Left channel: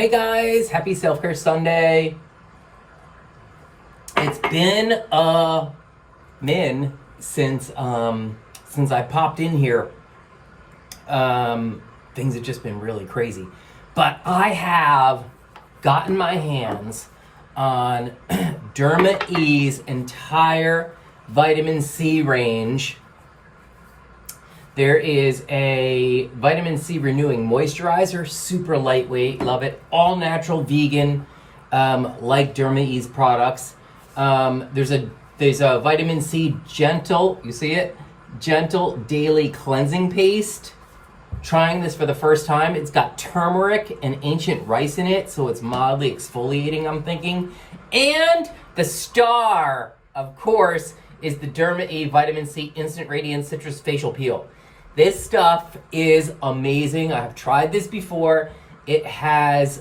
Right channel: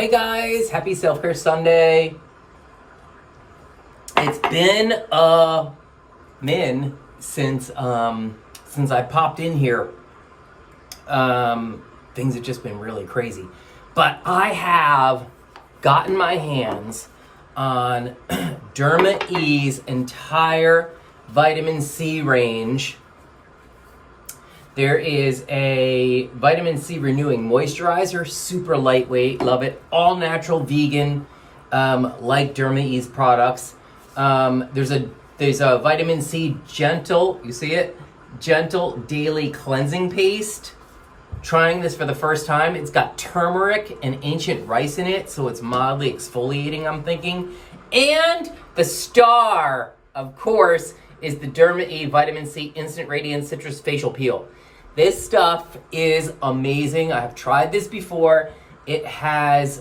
Hey guys, happy Self-Care Sunday. It's been a min since I popped in here. Things have just been really crazy. But I have gotten my hands on Derma E's entire vitamin C range. There is a vitamin C renewing moisturizer, super lightweight, love it. All natural, vegan, like Derma E's products. There's a vitamin C gentle, you see it? Gentle daily cleansing paste. Trying this for the first time. It's got turmeric and ancient rice in it, so it's mildly exfoliating, I'm thinking. And the star, of course, is the Derma E Vitamin C Instant Radiance Citrus Facial Peel. This stuff is amazing. I have tried this before. It has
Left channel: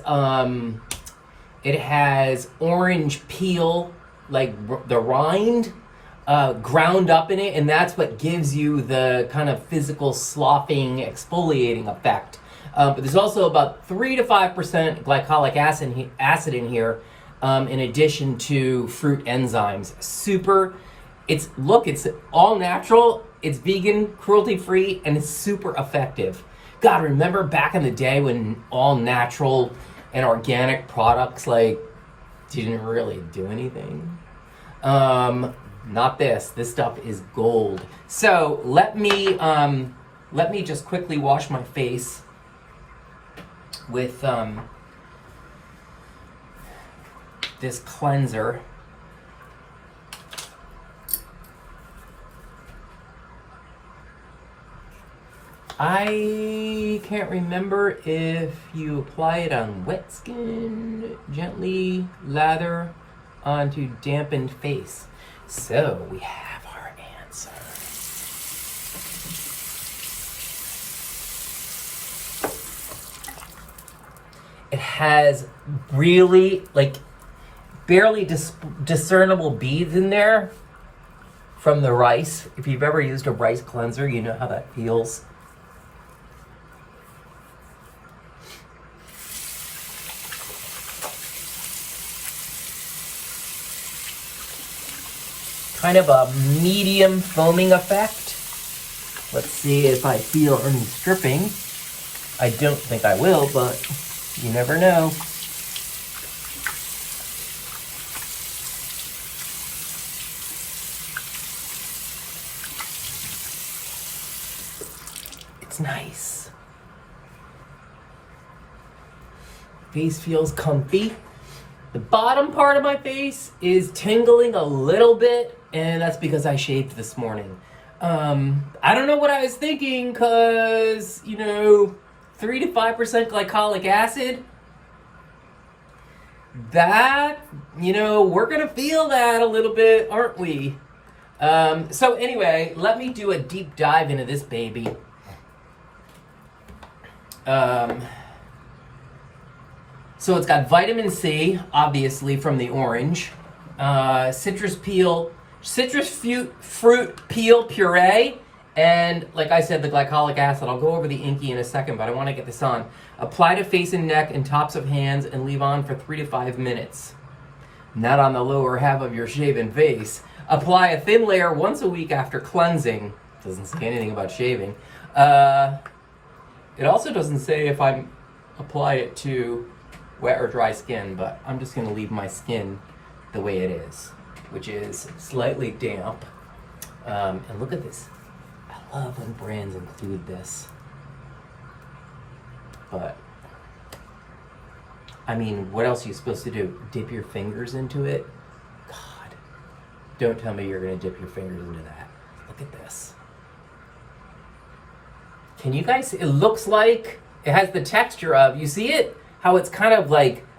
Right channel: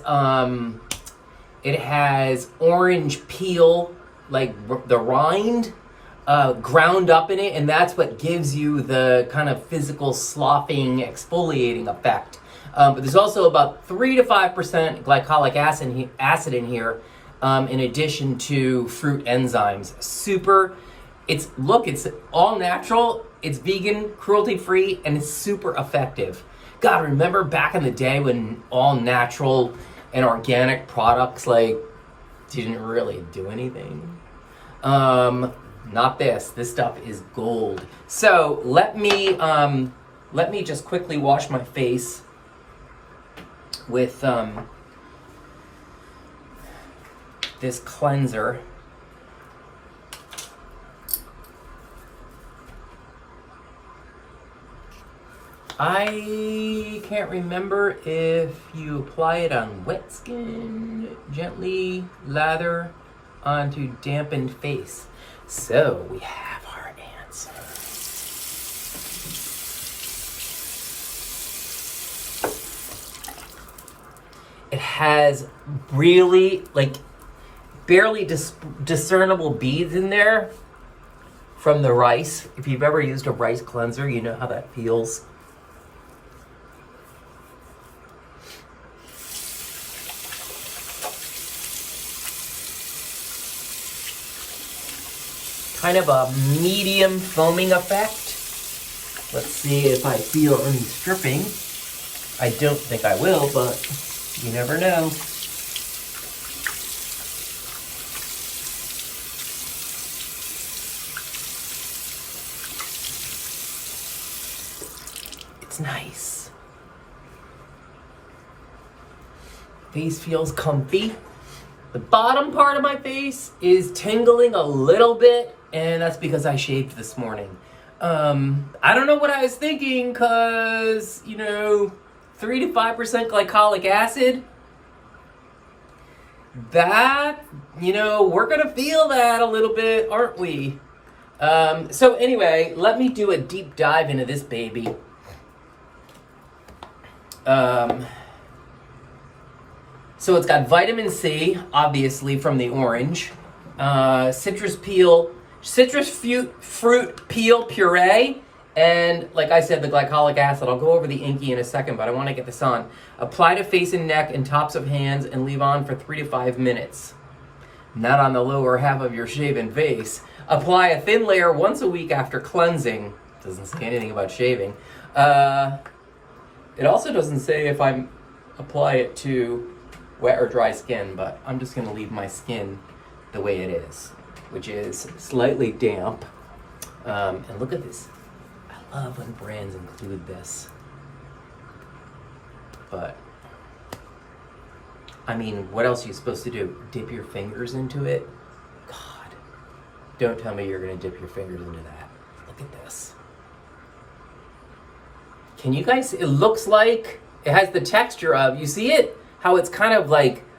orange peel, like the rind, ground up in it, and that's what gives you the kind of physical sloughing, exfoliating effect. But there's also about 3 to 5% glycolic acid in here, in addition to fruit enzymes. It's all natural, it's vegan, cruelty-free, and it's super effective. God, remember back in the day when all natural and organic products didn't really do anything? Not this. This stuff is gold. So let me just quickly wash my face with this cleanser. I can't remember if you apply it on wet skin, gently lather onto dampened face. So we have our answer. It has really barely discernible beads in there from the rice. If you've ever used a rice cleanser, you know how that feels. Kind of a medium foaming effect. Let's see if I feel any stripping. I don't think I will, but you never know. It's nice. Face feels comfy. The bottom part of my face is tingling a little bit, and that's because I shaved this morning. I don't know what I was thinking, because, 3 to 5% glycolic acid, that, we're going to feel that a little bit, aren't we? So anyway, let me do a deep dive into this baby. So it's got vitamin C, obviously, from the orange, citrus fruit peel puree, and like I said, the glycolic acid. I'll go over the INCI in a second, but I want to get this on. Apply to face and neck and tops of hands and leave on for 3 to 5 minutes. Not on the lower half of your shaven face. Apply a thin layer once a week after cleansing. Doesn't say anything about shaving. It also doesn't say if I apply it to wet or dry skin, but I'm just going to leave my skin the way it is, which is slightly damp. And look at this. I love when brands include this. But, I mean, what else are you supposed to do? Dip your fingers into it? God. Don't tell me you're going to dip your fingers into that. Look at this. Can you guys, it looks like it has the texture of, you see it? How it's kind of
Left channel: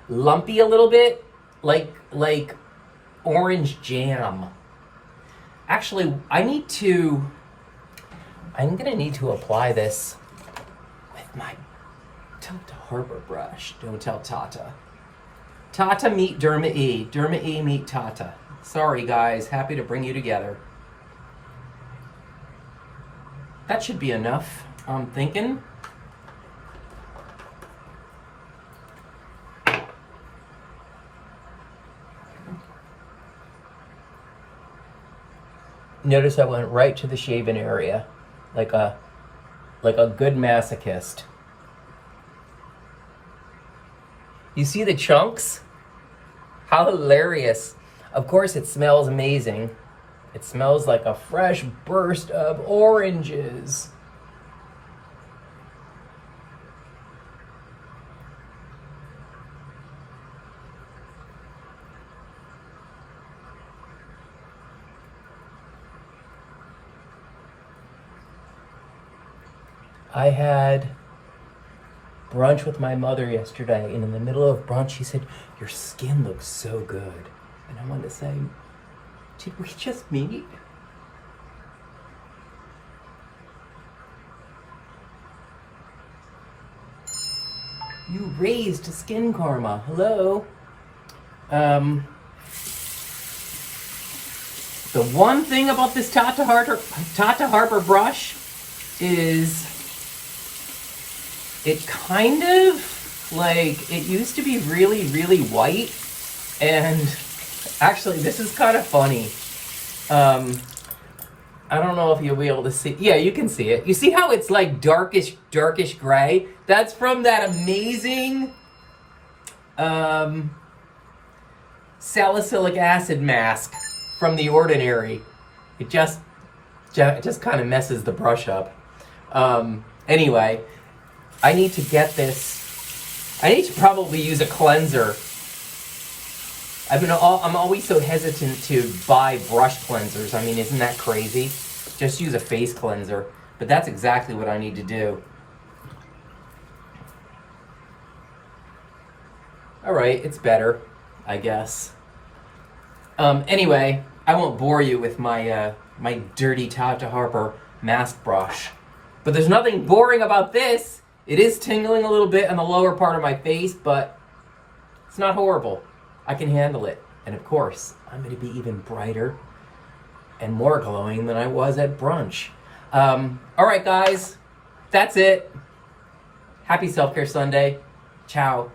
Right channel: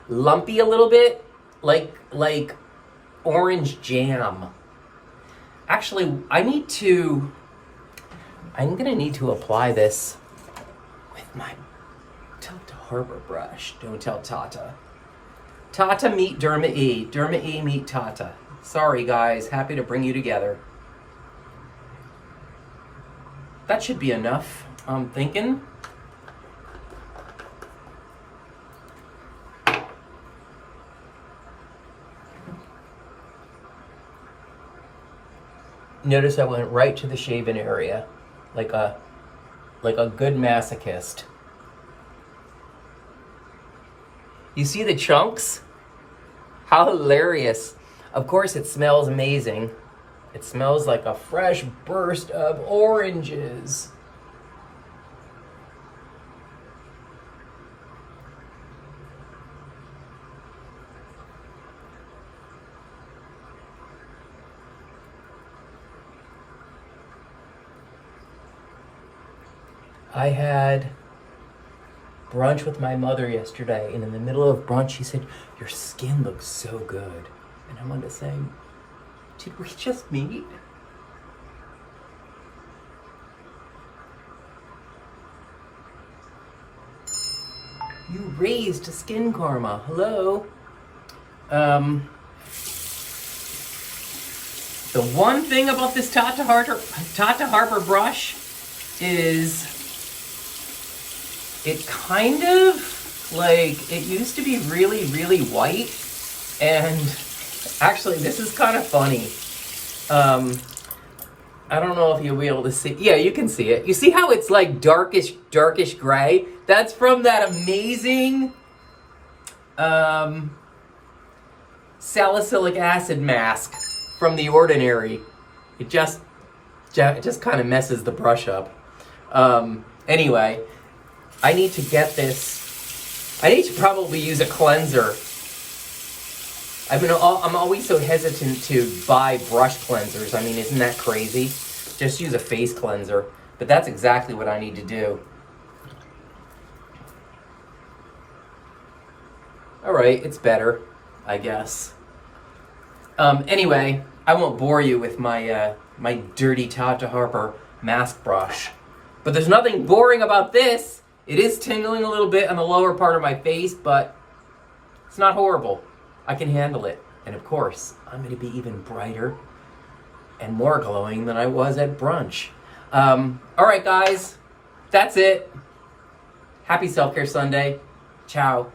lumpy a little bit, like orange jam. Actually, I'm gonna need to apply this with my Tata Harbor brush. Don't tell Tata. Tata meet Derma E. Derma E meet Tata. Sorry guys, happy to bring you together. That should be enough, I'm thinking. Notice I went right to the shaven area, like a good masochist. You see the chunks? How hilarious. Of course it smells amazing. It smells like a fresh burst of oranges. I had brunch with my mother yesterday, and in the middle of brunch, she said, "Your skin looks so good." And I wanted to say, did we just meet? You raised SKINCARMA. Hello. The one thing about this Tata Harper brush is it kind of, like, it used to be really, really white, and actually this is kind of funny. I don't know if you'll be able to see. Yeah, you can see it. You see how it's like darkish gray? That's from that amazing salicylic acid mask from The Ordinary. It just kind of messes the brush up. Anyway, I need to get this. I need to probably use a cleanser. I'm always so hesitant to buy brush cleansers. I mean, isn't that crazy? Just use a face cleanser. But that's exactly what I need to do. All right, it's better, I guess. Anyway, I won't bore you with my my dirty Tata Harper mask brush. But there's nothing boring about this. It is tingling a little bit on the lower part of my face, but it's not horrible. I can handle it. And of course, I'm going to be even brighter and more glowing than I was at brunch. All right, guys. That's it. Happy Self-Care Sunday. Ciao.